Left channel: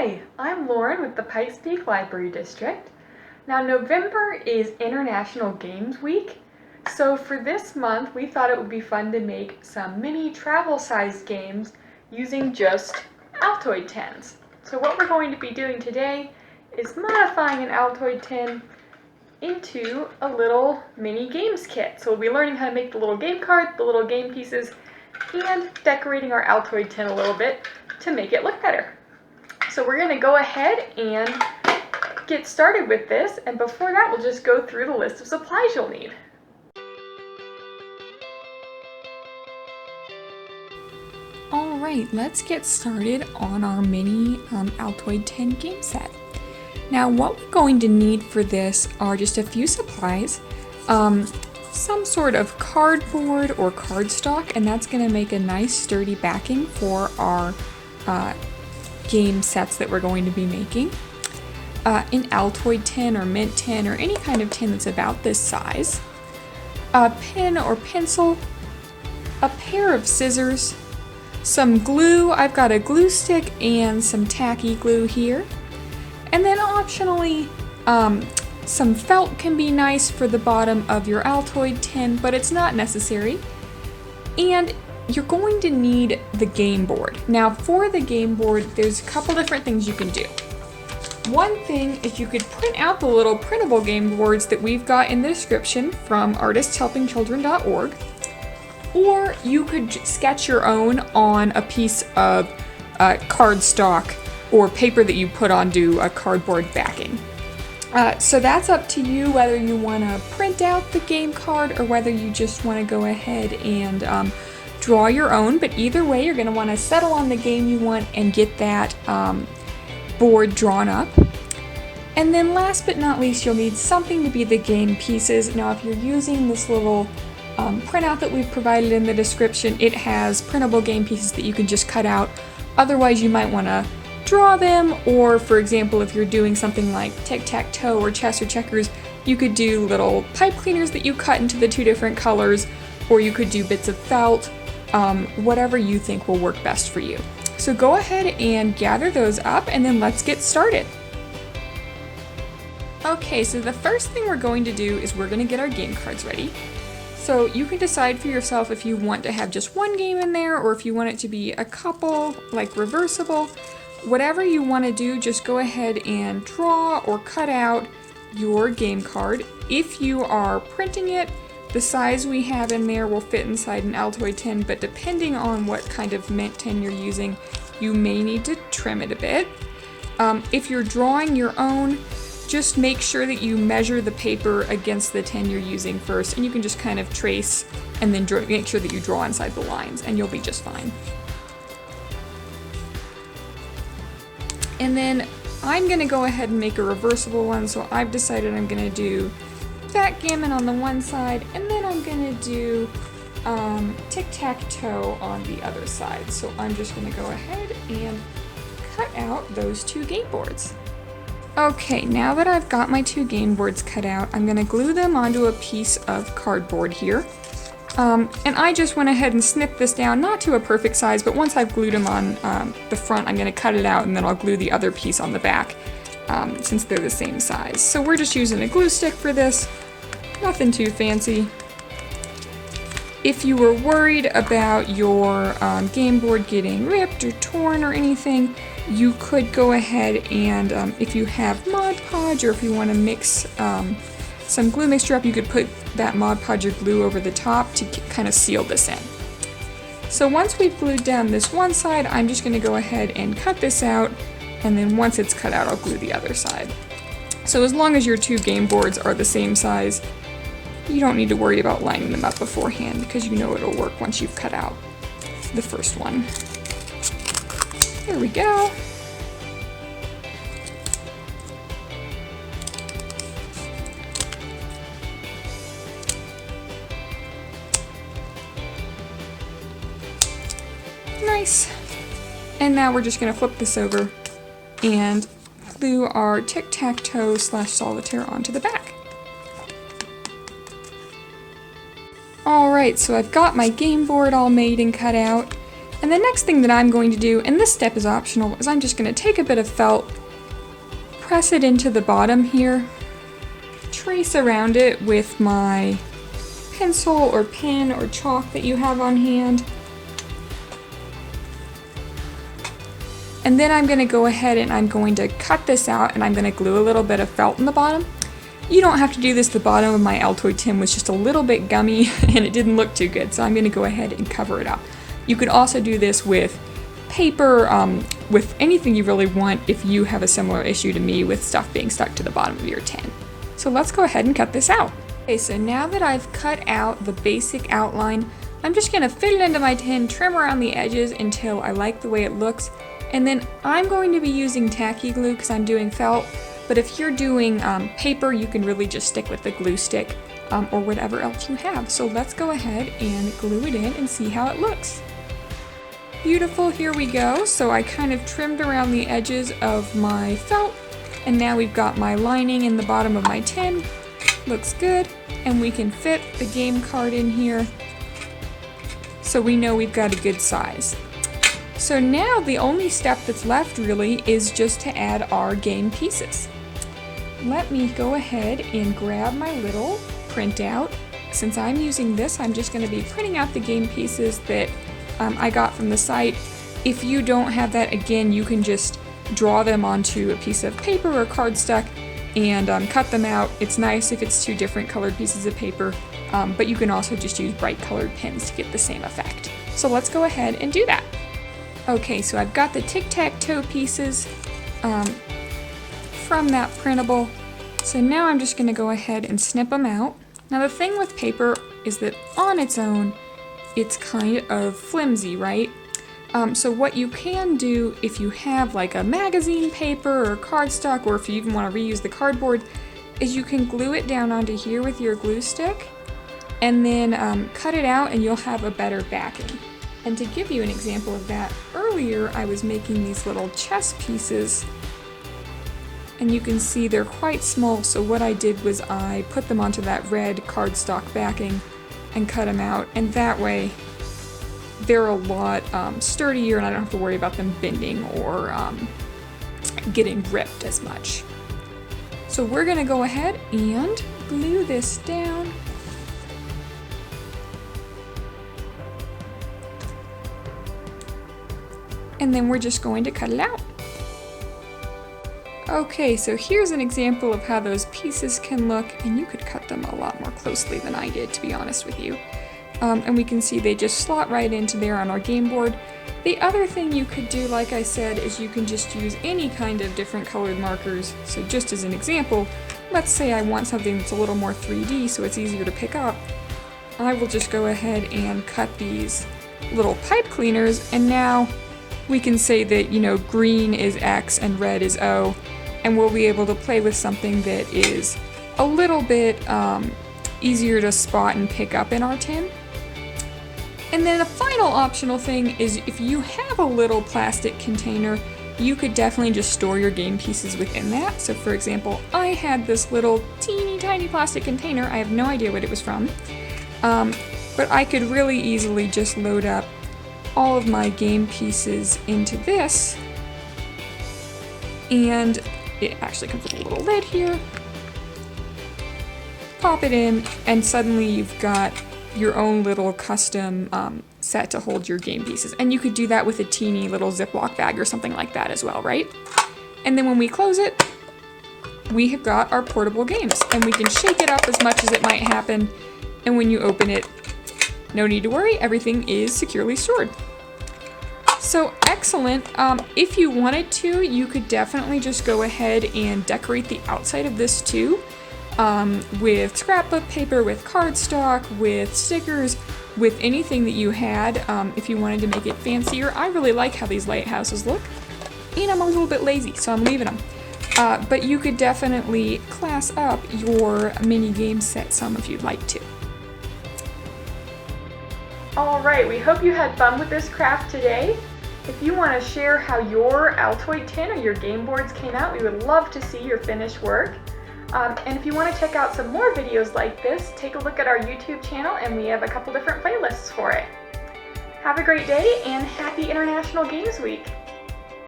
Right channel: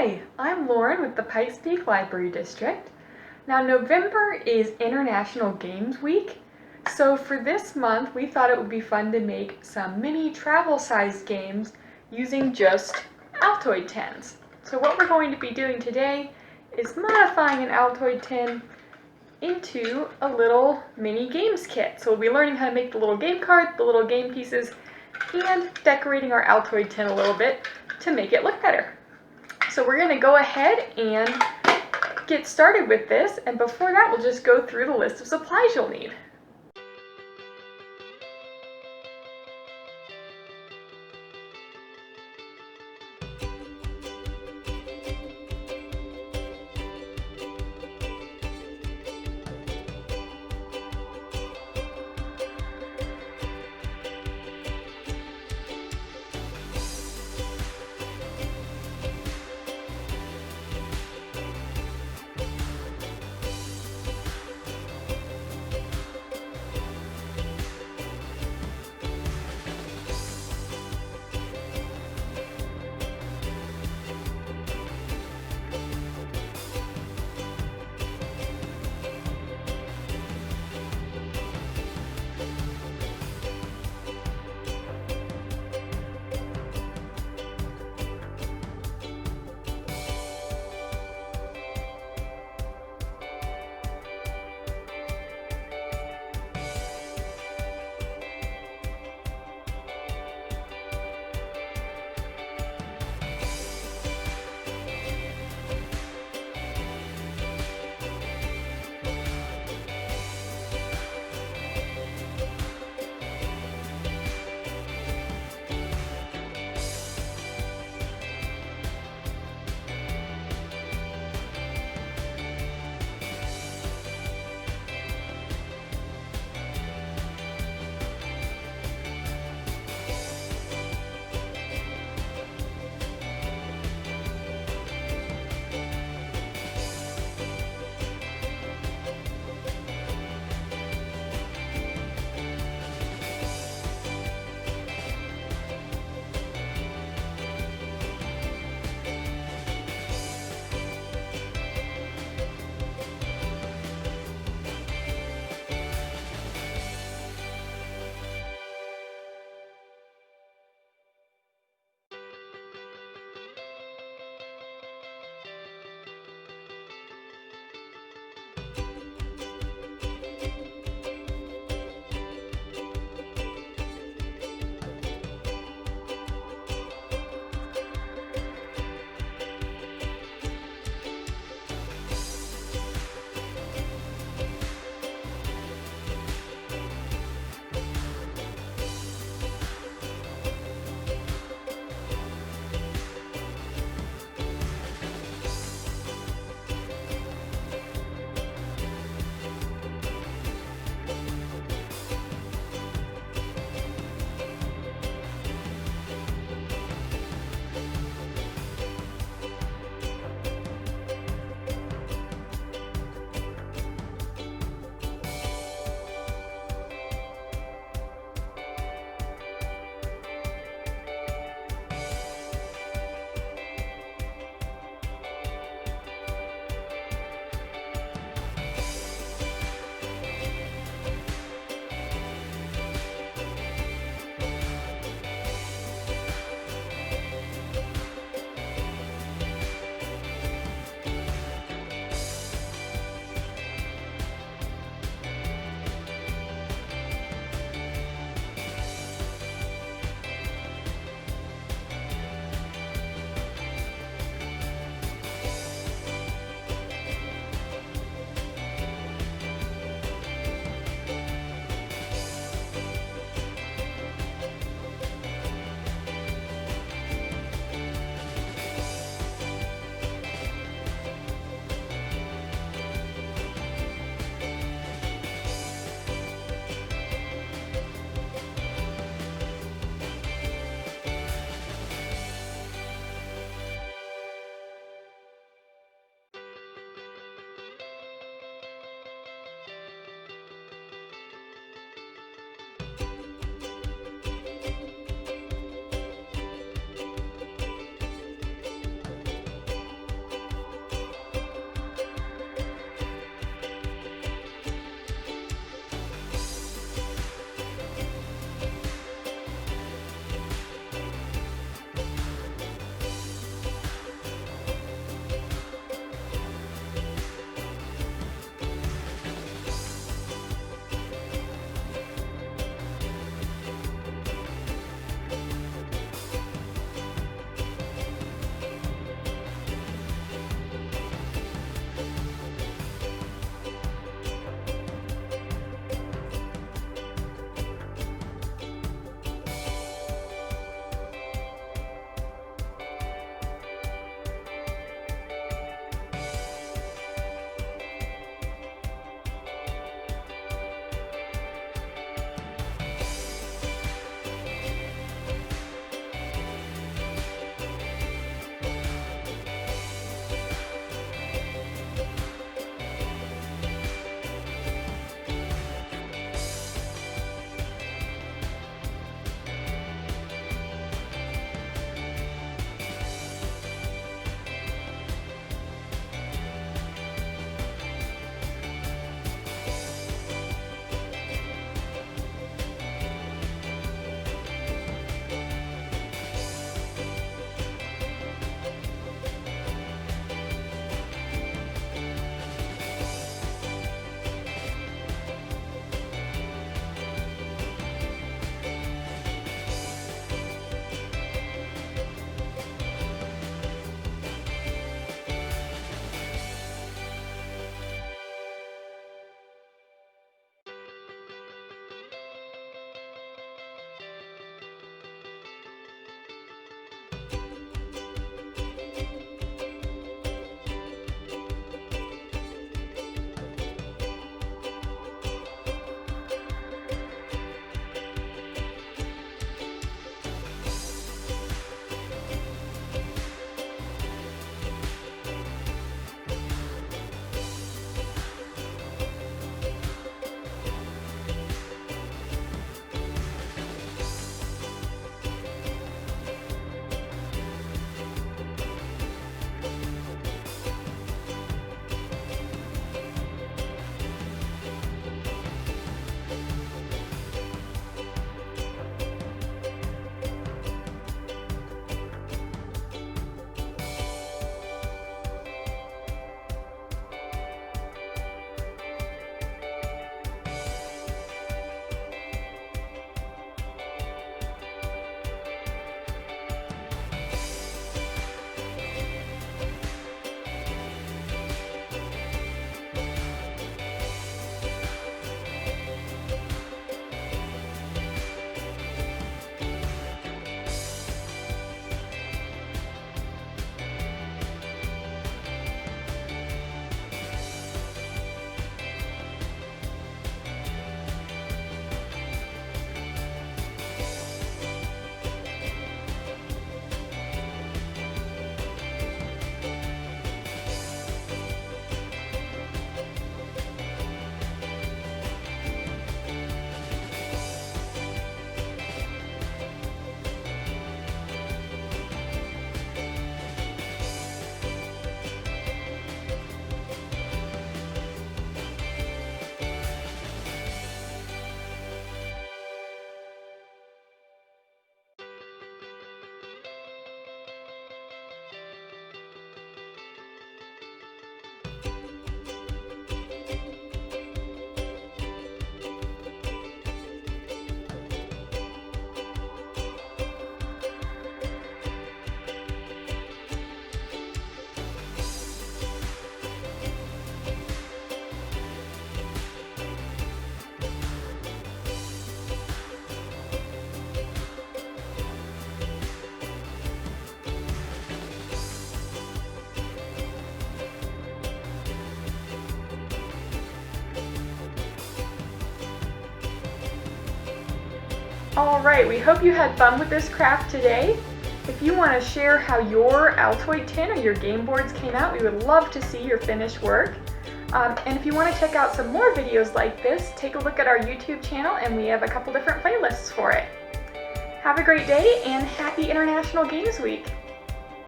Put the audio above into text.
Hi, I'm Lauren with the Pikes Peak Library District. Now November is International Games Week, so for this month we thought it would be fun to make some mini travel-sized games using just Altoid tins. So what we're going to be doing today is modifying an Altoid tin into a little mini games kit. So we'll be learning how to make the little game card, the little game pieces, and decorating our Altoid tin a little bit to make it look better. So we're going to go ahead and get started with this, and before that we'll just go through the list of supplies you'll need. Alright, let's get started on our mini Altoid tin game set. Now what we're going to need for this are just a few supplies, some sort of cardboard or cardstock, and that's going to make a nice sturdy backing for our game sets that we're going to be making. An Altoid tin or mint tin or any kind of tin that's about this size. A pen or pencil. A pair of scissors. Some glue. I've got a glue stick and some tacky glue here. And then optionally, some felt can be nice for the bottom of your Altoid tin, but it's not necessary. And you're going to need the game board. Now for the game board, there's a couple different things you can do. One thing is you could print out the little printable game boards that we've got in the description from artistshelpingchildren.org, or you could sketch your own on a piece of cardstock or paper that you put onto a cardboard backing. So that's up to you whether you want to print out the game card or whether you just want to go ahead and draw your own, but either way you're going to want to settle on the game you want and get that board drawn up. And then last but not least, you'll need something to be the game pieces. Now if you're using this little printout that we've provided in the description, it has printable game pieces that you can just cut out. Otherwise you might want to draw them, or for example if you're doing something like tic-tac-toe or chess or checkers, you could do little pipe cleaners that you cut into the two different colors, or you could do bits of felt, whatever you think will work best for you. So go ahead and gather those up and then let's get started. Okay, so the first thing we're going to do is we're going to get our game cards ready. So you can decide for yourself if you want to have just one game in there or if you want it to be a couple, like reversible. Whatever you want to do, just go ahead and draw or cut out your game card. If you are printing it, the size we have in there will fit inside an Altoid tin, but depending on what kind of mint tin you're using, you may need to trim it a bit. If you're drawing your own, just make sure that you measure the paper against the tin you're using first, and you can just kind of trace and then make sure that you draw inside the lines, and you'll be just fine. And then I'm going to go ahead and make a reversible one, so I've decided I'm going to do backgammon on the one side, and then I'm going to do tic-tac-toe on the other side. So I'm just going to go ahead and cut out those two game boards. Okay, now that I've got my two game boards cut out, I'm going to glue them onto a piece of cardboard here. And I just went ahead and snipped this down, not to a perfect size, but once I've glued them on the front, I'm going to cut it out and then I'll glue the other piece on the back, since they're the same size. So we're just using a glue stick for this, nothing too fancy. If you were worried about your game board getting ripped or torn or anything, you could go ahead and, if you have Mod Podge or if you want to mix some glue mixture up, you could put that Mod Podge or glue over the top to kind of seal this in. So once we've glued down this one side, I'm just going to go ahead and cut this out, and then once it's cut out, I'll glue the other side. So as long as your two game boards are the same size, you don't need to worry about lining them up beforehand because you know it'll work once you've cut out the first one. There we go. Nice. And now we're just going to flip this over and glue our tic-tac-toe / solitaire onto the back. Alright, so I've got my game board all made and cut out, And the next thing that I'm going to do, and this step is optional, is I'm just going to take a bit of felt, press it into the bottom here, trace around it with my pencil or pen or chalk that you have on hand. And then I'm going to go ahead and I'm going to cut this out, and I'm going to glue a little bit of felt in the bottom. You don't have to do this. The bottom of my Altoid tin was just a little bit gummy and it didn't look too good, so I'm going to go ahead and cover it up. You could also do this with paper, with anything you really want if you have a similar issue to me with stuff being stuck to the bottom of your tin. So let's go ahead and cut this out. Okay, so now that I've cut out the basic outline, I'm just going to fit it into my tin, trim around the edges until I like the way it looks, and then I'm going to be using tacky glue because I'm doing felt. But if you're doing paper, you can really just stick with the glue stick or whatever else you have. So let's go ahead and glue it in and see how it looks. Beautiful, here we go. So I kind of trimmed around the edges of my felt, and now we've got my lining in the bottom of my tin. Looks good, and we can fit the game card in here so we know we've got a good size. So now the only step that's left really is just to add our game pieces. Let me go ahead and grab my little printout. Since I'm using this, I'm just going to be printing out the game pieces that I got from the site. If you don't have that, again, you can just draw them onto a piece of paper or cardstock and cut them out. It's nice if it's two different colored pieces of paper, but you can also just use bright colored pens to get the same effect. So let's go ahead and do that. Okay, so I've got the tic-tac-toe pieces from that printable. So now I'm just going to go ahead and snip them out. Now the thing with paper is that on its own, it's kind of flimsy, right? So what you can do if you have like a magazine paper or cardstock, or if you even want to reuse the cardboard, is you can glue it down onto here with your glue stick and then cut it out, and you'll have a better backing. And to give you an example of that, earlier I was making these little chess pieces, and you can see they're quite small, so what I did was I put them onto that red cardstock backing and cut them out, and that way they're a lot sturdier and I don't have to worry about them bending or getting ripped as much. So we're going to go ahead and glue this down. And then we're just going to cut it out. Okay, so here's an example of how those pieces can look, and you could cut them a lot more closely than I did, to be honest with you. And we can see they just slot right into there on our game board. The other thing you could do, like I said, is you can just use any kind of different colored markers. So just as an example, let's say I want something that's a little more 3D so it's easier to pick up. I will just go ahead and cut these little pipe cleaners, and now we can say that, you know, green is X and red is O, and we'll be able to play with something that is a little bit easier to spot and pick up in our tin. And then a final optional thing is if you have a little plastic container, you could definitely just store your game pieces within that. So for example, I had this little teeny tiny plastic container. I have no idea what it was from, but I could really easily just load up all of my game pieces into this, and it actually comes with a little lid here. Pop it in, and suddenly you've got your own little custom set to hold your game pieces. And you could do that with a teeny little Ziploc bag or something like that as well, right? And then when we close it, we have got our portable games, and we can shake it up as much as it might happen, and when you open it, no need to worry, everything is securely stored. So excellent. If you wanted to, you could definitely just go ahead and decorate the outside of this too, with scrapbook paper, with cardstock, with stickers, with anything that you had, if you wanted to make it fancier. I really like how these lighthouses look, and I'm a little bit lazy, so I'm leaving them. But you could definitely class up your mini game set some if you'd like to. Alright, we hope you had fun with this craft today. If you want to share how your Altoid tin or your game boards came out, we would love to see your finished work. And if you want to check out some more videos like this, take a look at our YouTube channel, and we have a couple different playlists for it. Have a great day and happy International Games Week!